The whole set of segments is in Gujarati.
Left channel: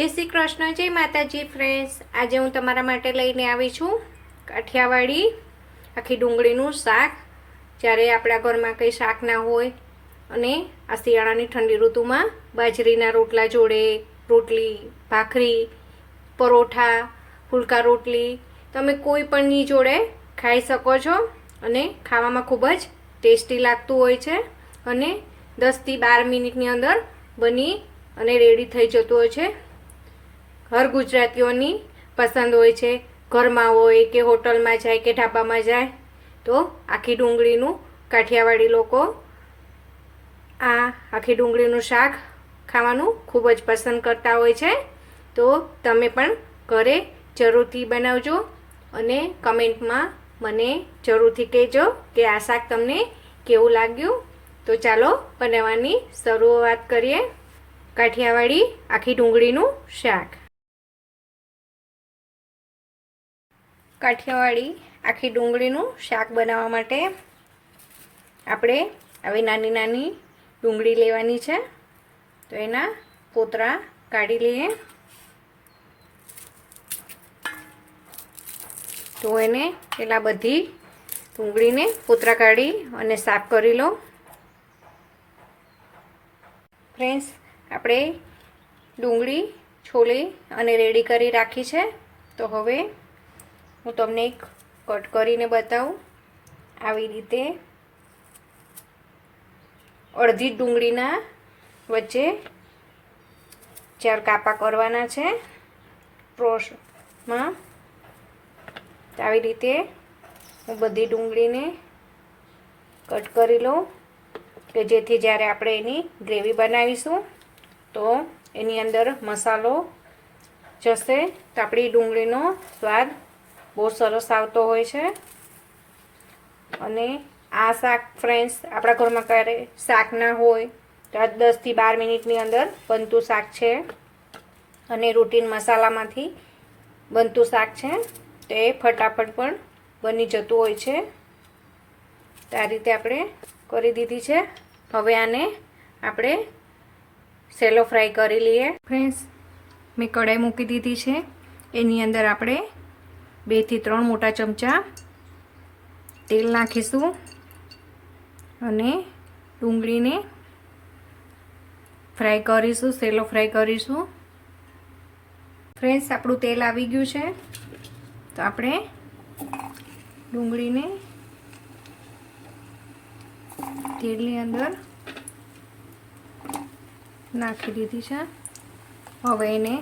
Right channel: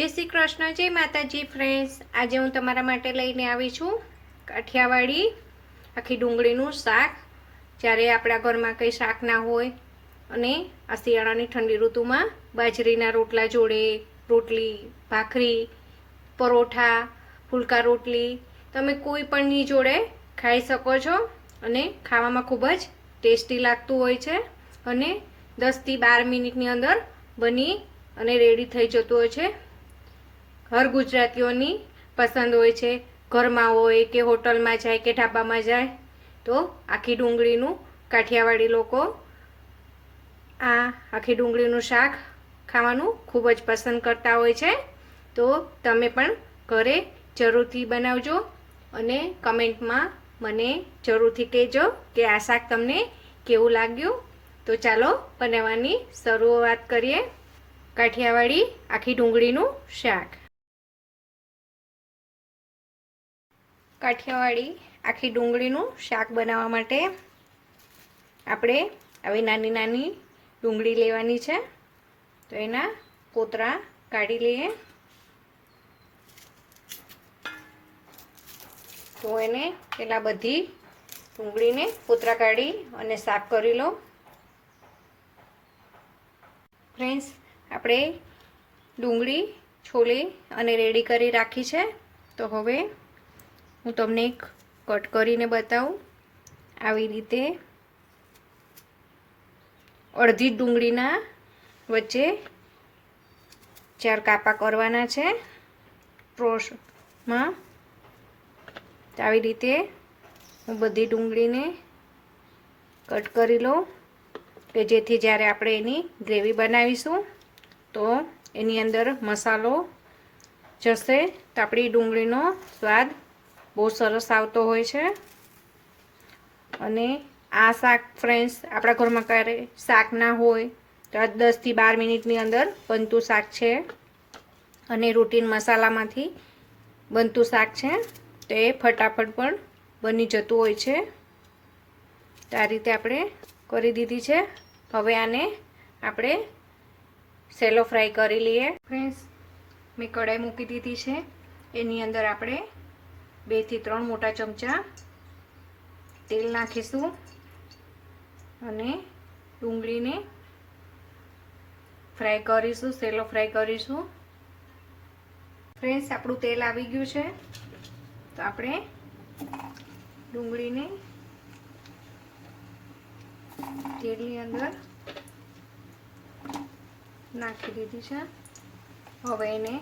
जय श्री कृष्ण, जय माताजी फ्रेंड्स। आज हूँ तमारा माटे लईने आवी छूं काठियावाड़ी आखी डूंगळीनुं शाक। ज्यारे आपणा घरमां कंई शाक ना होय अने आ शियाळानी ठंडी ऋतुमां बाजरीना रोटला जोड़े रोटली, भाखरी, परोठा, फुलका रोटली तमे कोई पणनी जोड़े खाई शको छो अने खावामां खूब ज टेस्टी लागतुं होय छे अने 10 થી 12 मिनिटनी अंदर बनी अने रेडी थई जतुं होय छे। हर गुजरातीओनी पसंद होय छे। घरमां होय के होटलमां जाय के ढाबामां जाय तो आखी डूंगळीनुं काठियावाड़ी लोको आ आखी डूंगळीनुं शाक खावानुं खूब ज पसंद करता होय छे। तो तमे पण घरे जरूरथी बनावजो अने कमेंटमां मने जरूरथी कहेजो के आ शाक तमने केवुं लाग्युं। तो चालो बनाववानी शरूआत करीए। काठियावाड़ी आखी डूंगळीनुं शाक। काठियावाड़ी आखी डूंगळीनुं शाक बनाववा माटे आपणे આવી નાની નાની ડુંગળી લેવાની છે। તો એના પોતરા કાઢી લઈએ। તો એને પેલા બધી ડુંગળીને પોતરા કાઢી અને સાફ કરી લો। ફ્રેન્ડ્સ, આપણે ડુંગળી છોલી અને રેડી કરી રાખી છે। તો હવે હું તમને એક કટ કરીને બતાવું। આવી રીતે અડધી ડુંગળીના વચ્ચે 4 કાપા કરવાના છે ટ્રોસમાં। તો આવી રીતે હું બધી ડુંગળીને કટ કરી લઉં કે જેથી જ્યારે આપણે એની ગ્રેવી બનાવીશું તો એની અંદર મસાલો જશે તો આપણી ડુંગળીનો સ્વાદ બહુ સરસ આવતો હોય છે। અને આ શાક ફ્રેન્ડ્સ આપણા ઘરમાં ક્યારે શાક ના હોય તો આ 10 થી 12 મિનિટની અંદર બનતું શાક છે અને રૂટીન મસાલામાંથી બનતું શાક છે। તો એ ફટાફટ પણ બની જતું હોય છે। તો આ રીતે આપણે કરી દીધી છે। હવે આને આપણે સેલો ફ્રાય કરી લઈએ। ફ્રેન્ડ્સ, મેં કઢાઈ મૂકી દીધી છે। એની અંદર આપણે 2 થી 3 મોટા ચમચા તેલ નાખીશું અને ડુંગળીને ફ્રાય કરીશું, સેલો ફ્રાય કરીશું। ફ્રેન્ડ્સ, આપણું તેલ આવી ગયું છે તો આપણે ડુંગળીને તેલની અંદર નાખી દીધી છે। હવે એને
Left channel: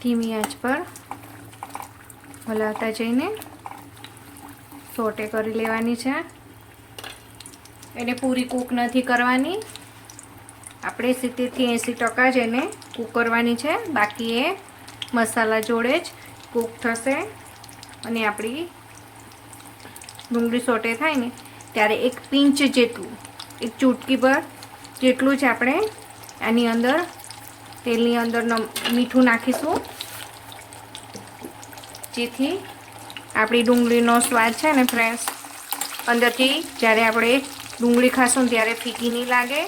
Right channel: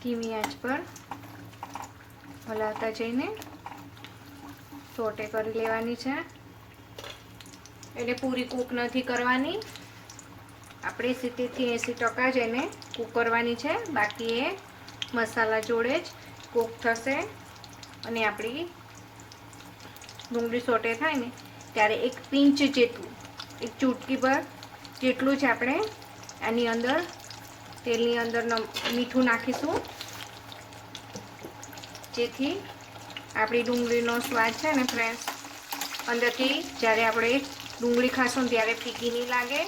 ધીમી આંચ પર હલાવતા જઈને સોટે કરી લેવાની છે। એને પૂરી કૂક નથી કરવાની, આપણે 70 થી 80% જ એને કૂક કરવાની છે। બાકી એ મસાલા જોડે જ કૂક થશે અને આપણી ડુંગળી સોટે થાય ને ત્યારે 1 પિંચ જેટલું, 1 ચૂટકી પર જેટલું જ આપણે આની અંદર તેલની અંદર મીઠું નાખીશું જેથી આપણી ડુંગળીનો સ્વાદ છે ને ફ્રેન્ડ્સ અંદરથી જ્યારે આપણે ડુંગળી ખાશું ત્યારે ફીકી નહીં લાગે।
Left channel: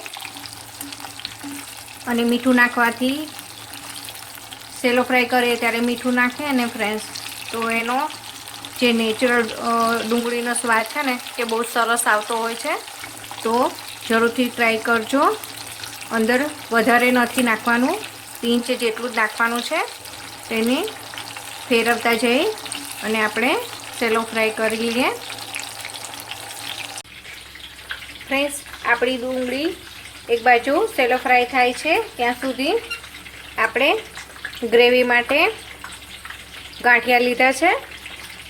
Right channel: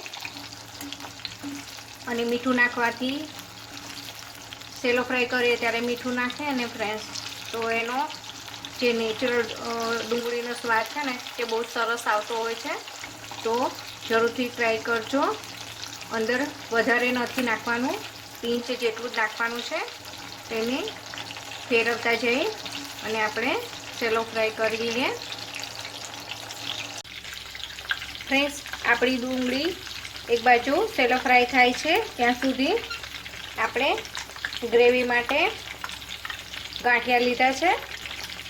અને મીઠું નાખવાથી સેલો ફ્રાય કરીએ ત્યારે મીઠું નાખીએ અને ફ્રેન્ડ્સ તો એનો જે નેચરલ ડુંગળીનો સ્વાદ છે ને તે બહુ સરસ આવતો હોય છે। તો જરૂરથી ટ્રાય કરજો। અંદર વધારે નથી નાખવાનું, પિંચ જેટલું જ નાખવાનું છે। તેને ફેરવતા જઈ અને આપણે સેલો ફ્રાય કરી લઈએ। ફ્રેન્ડ્સ, આપણી ડુંગળી એક બાજુ સેલો ફ્રાય થાય છે ત્યાં સુધી આપણે ગ્રેવી માટે ગાંઠિયા લીધા છે।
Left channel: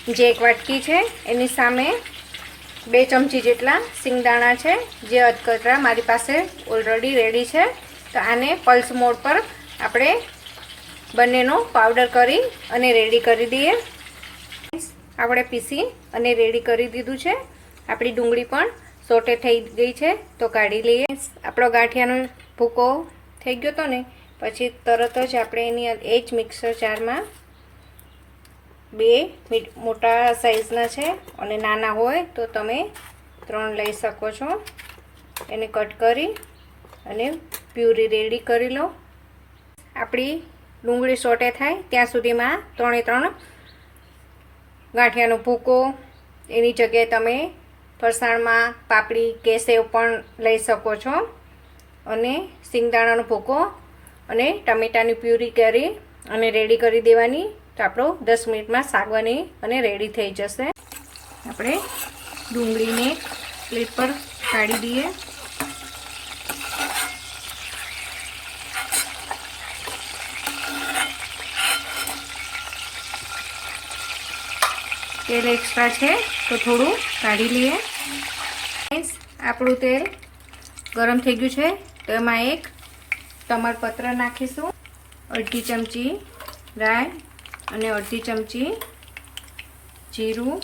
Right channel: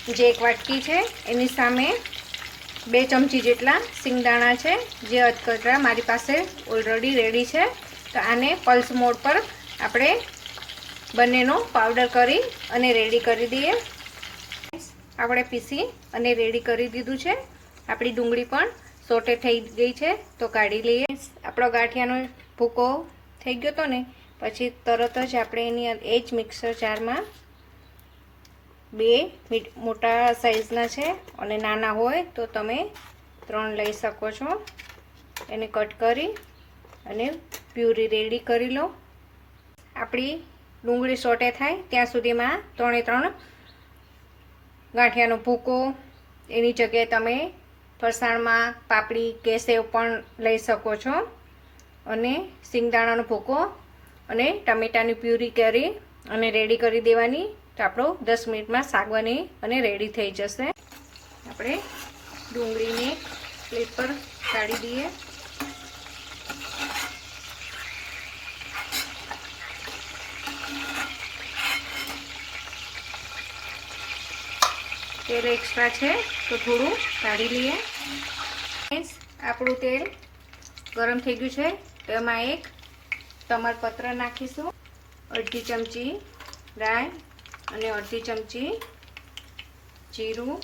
જે 1 વાટકી છે એની સામે 2 ચમચી જેટલા સિંગદાણા છે જે અધકચરા મારી પાસે ઓલરેડી રેડી છે। તો આને પલ્સ મોડ પર આપણે બંનેનો પાવડર કરી અને રેડી કરી દઈએ। આપણે પીસી અને રેડી કરી દીધું છે। આપણી ડુંગળી પણ સોટે થઈ ગઈ છે તો કાઢી લઈએ। આપણો ગાંઠિયાનો ભૂકો થઈ ગયો તો ને પછી તરત જ આપણે એની એ જ મિક્સર જારમાં 2 મોટા સાઈઝના છે અને નાના હોય તો તમે 3 લઈ શકો છો। એને કટ કરી અને પ્યુરી રેડી કરી લો. આપણી ડુંગળી સોટે થાય ત્યાં સુધીમાં 3 ગાંઠિયાનો ભૂકો, એની જગ્યાએ તમે ફરસાણમાં પાપડી કે સેવ પણ લઈ શકો છો, અને સિંગદાણાનો ભૂકો અને ટમેટાની પ્યુરી કરી અને રેડી કરી દેવાની. તો આપણો 10 મિનિટમાં શાક બની અને રેડી થઈ જશે. આપણે ડુંગળીને પ્લેટ પર કાઢી દઈએ. તેલ એક્સ્ટ્રા છે તો થોડું કાઢી લઈએ. આપણું તેલ ગરમ થઈ ગયું છે તો એમાં એક તમાલપત્ર નાખીશું, અડધી ચમચી રાઈ અને અડધી ચમચી જીરું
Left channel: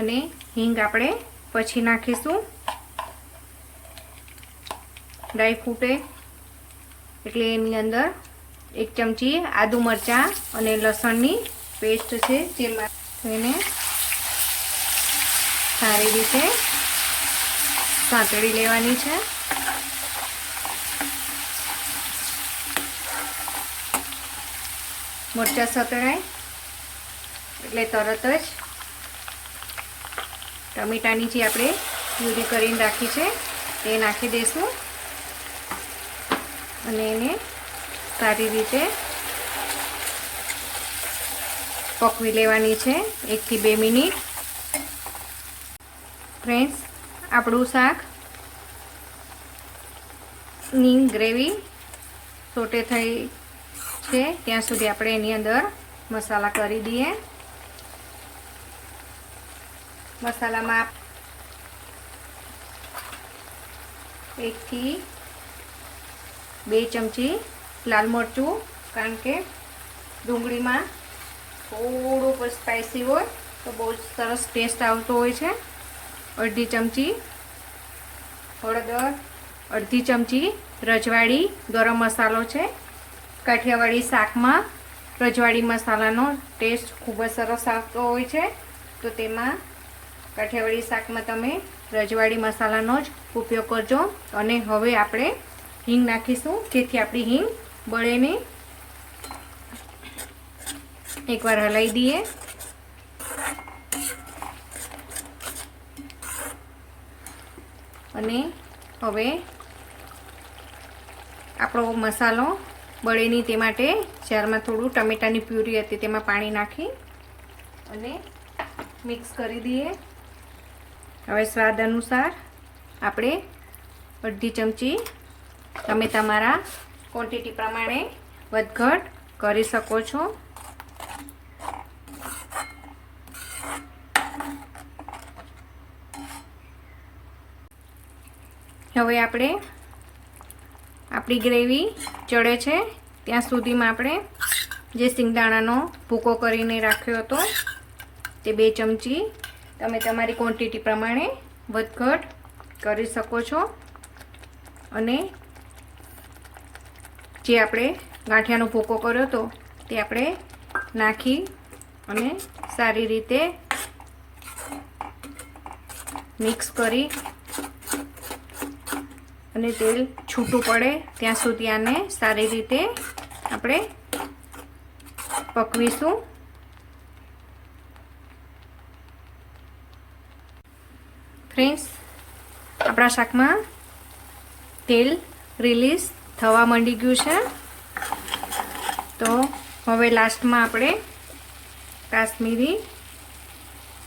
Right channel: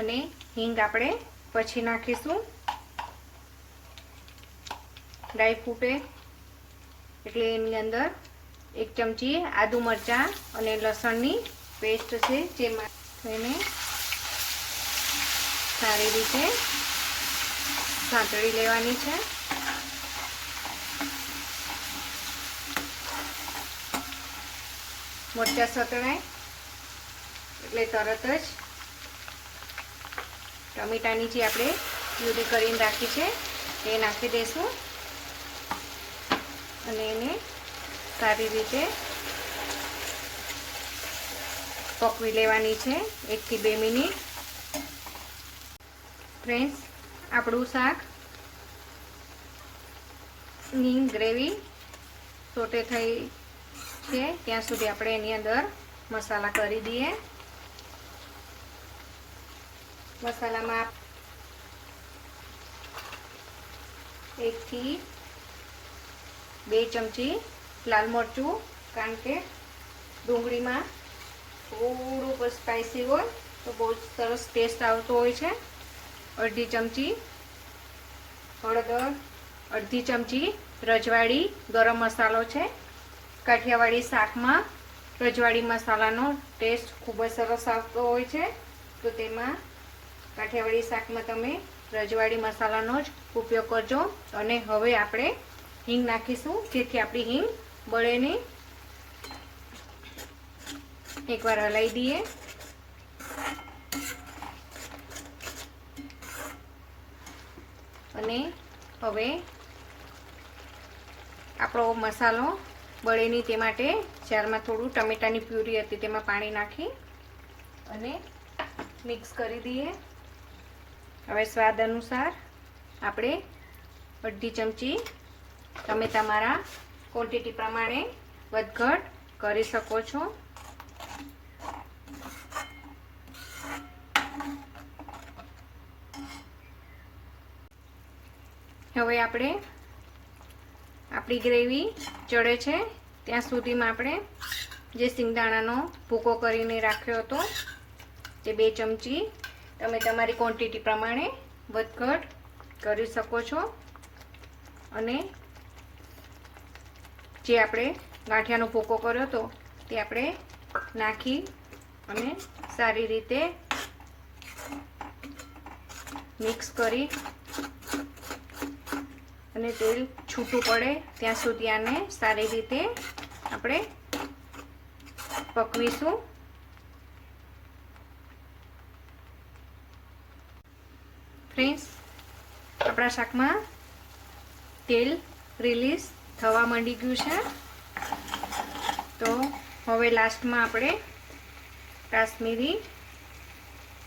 અને હિંગ આપણે પછી નાખીશું. રાઈ ફૂટે એટલે એની અંદર 1 ચમચી આદુ મરચાં અને લસણની પેસ્ટ છે જેમાં એને સારી રીતે સાંતળી લેવાની છે. મરચાં સતળાય એટલે તરત જ ટમેટાની જે આપણે પ્યુરી કરીને રાખી છે તે નાખી દઈશું અને એને સારી રીતે પકવી લેવાની છે 1 થી 2 મિનિટ. ફ્રેન્ડ્સ, આપણું શાકની ગ્રેવી સોટે થઈ છે ત્યાં સુધી આપણે એની અંદર મસાલા કરી દઈએ. મસાલામાં 1 થી 2 ચમચી લાલ મરચું, કારણ કે ડુંગળીમાં થોડું સ્પાઇસી હોય તો બહુ સરસ ટેસ્ટ આવતો હોય છે. અડધી ચમચી હળદર, અડધી ચમચી રજવાડી ગરમ મસાલો છે. કાઠિયાવાડી શાકમાં રજવાડી મસાલાનો ટેસ્ટ ખૂબ જ સરસ આવતો હોય છે, તો તેમાં કાઠિયાવાડી શાકમાં તમે રજવાડી મસાલાનો જ ઉપયોગ કરજો. અને હવે આપણે હિંગ નાખીશું જેથી આપણી હિંગ બળે નહીં. એકવાર હલાવી દઈએ. અને હવે આપણો મસાલો બળે નહીં તે માટે જારમાં થોડું ટમેટાની પ્યુરી હતી તેમાં પાણી નાખી અને મિક્સ કરી દઈએ. હવે સ્વાદ અનુસાર આપણે અડધી ચમચી, તમે તમારા ક્વોન્ટિટી પ્રમાણે વધઘટ કરી શકો છો. હવે આપણે આપણી ગ્રેવી ચડે છે ત્યાં સુધીમાં આપણે જે સિંગદાણાનો ભૂકો કરીને રાખ્યો હતો તે 2 ચમચી તમે તમારી ક્વોન્ટિટી પ્રમાણે વધઘટ કરી શકો છો. અને જે આપણે ગાંઠિયાનો ભૂકો કર્યો હતો તે આપણે નાખી અને સારી રીતે મિક્સ કરી અને તેલ છૂટું પડે ત્યાં સુધી આને સારી રીતે આપણે પકવીશું. ફ્રેન્ડ્સ, આપણા શાકમાં તેલ રિલીઝ થવા માંડી ગયું છે, તો હવે લાસ્ટમાં આપણે કાશ્મીરી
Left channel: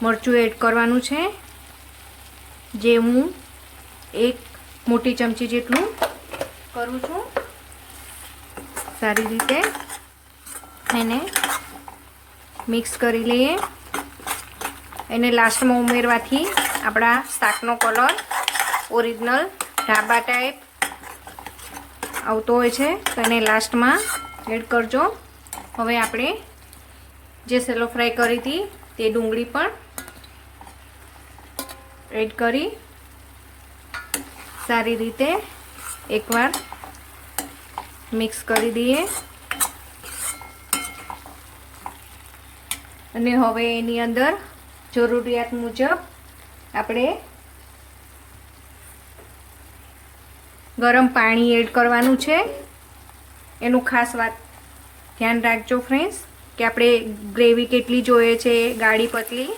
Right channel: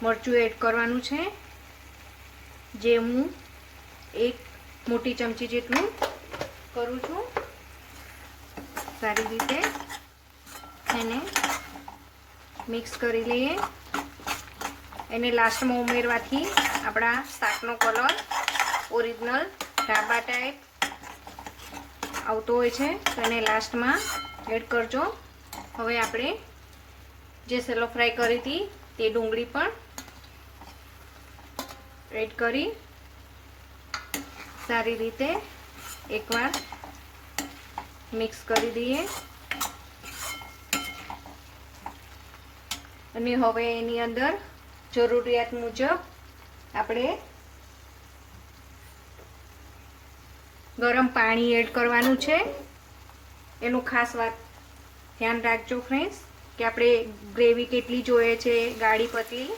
મરચું એડ કરવાનું છે, જે હું 1 મોટી ચમચી જેટલું કરું છું. સારી રીતે એને મિક્સ કરી લઈએ. એને લાસ્ટમાં ઉમેરવાથી આપણા શાકનો કલર ઓરિજિનલ ઢાબા ટાઈપ આવતો હોય છે, તો એને લાસ્ટમાં એડ કરજો. હવે આપણે જે સેલો ફ્રાય કરી હતી તે ડુંગળી પણ એડ કરી સારી રીતે એકવાર મિક્સ કરી દઈએ. અને હવે એની અંદર જરૂરિયાત મુજબ આપણે ગરમ પાણી એડ કરવાનું છે. એનું ખાસ વાત ધ્યાન રાખજો ફ્રેન્ડ્સ કે આપણે ગ્રેવી કેટલી જોઈએ છે, ગાળી પતલી,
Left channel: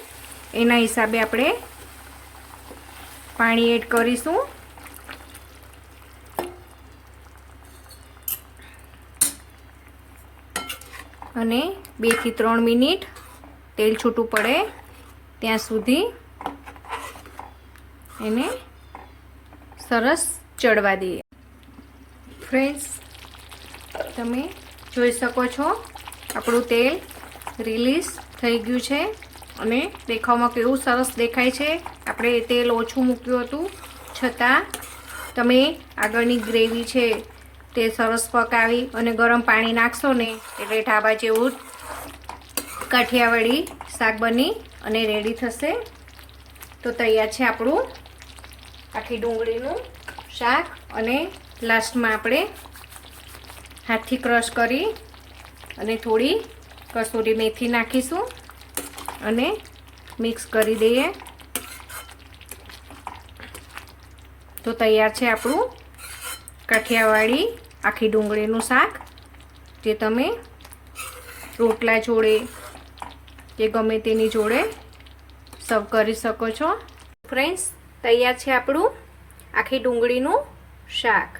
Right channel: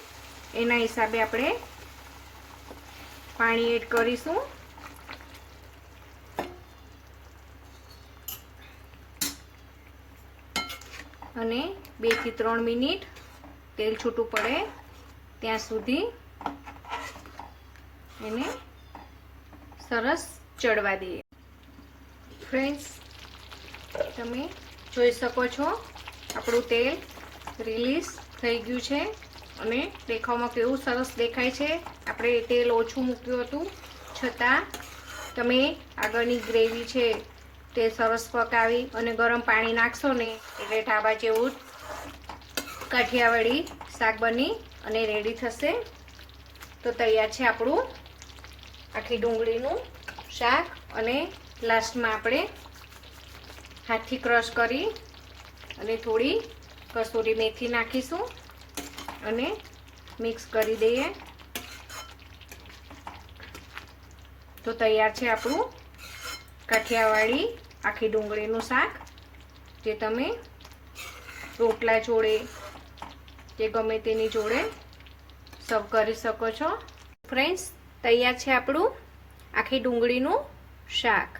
એના હિસાબે આપણે પાણી એડ કરીશું. અને 2 થી 3 મિનિટ તેલ છૂટું પડે ત્યાં સુધી એને સરસ ચડવા દઈએ. ફ્રેન્ડ્સ, તમે જોઈ શકો છો આપણું તેલ રિલીઝ થઈ ગયું છે અને દેખાવમાં કેવું સરસ દેખાય છે. આપણે તેલ ઓછું મૂક્યું હતું છતાં તમે આગળની ગ્રેવી છે તે સરસ પકાવી અને ગરમ પાણી નાખશો ને એટલે ઢાબા જેવું કાઠિયાવાડી શાક બની અને રેડી થશે. તો તૈયાર છે આપણું આખી ડુંગળીનું શાક. અને લાસ્ટમાં આપણે હાથથી ક્રશ કરી અને થોડી કસૂરી મેથી નાખીશું અને મિક્સ કરી દઈએ. તો તૈયાર છે આપણું કાઠિયાવાડી આખી ડુંગળીનું શાક, જે તમે રોટલા જોડે કે ગમે તેની જોડે સર્વ કરી શકો છો. ફ્રેન્ડ્સ, તૈયાર છે આપણું આખી ડુંગળીનું શાક.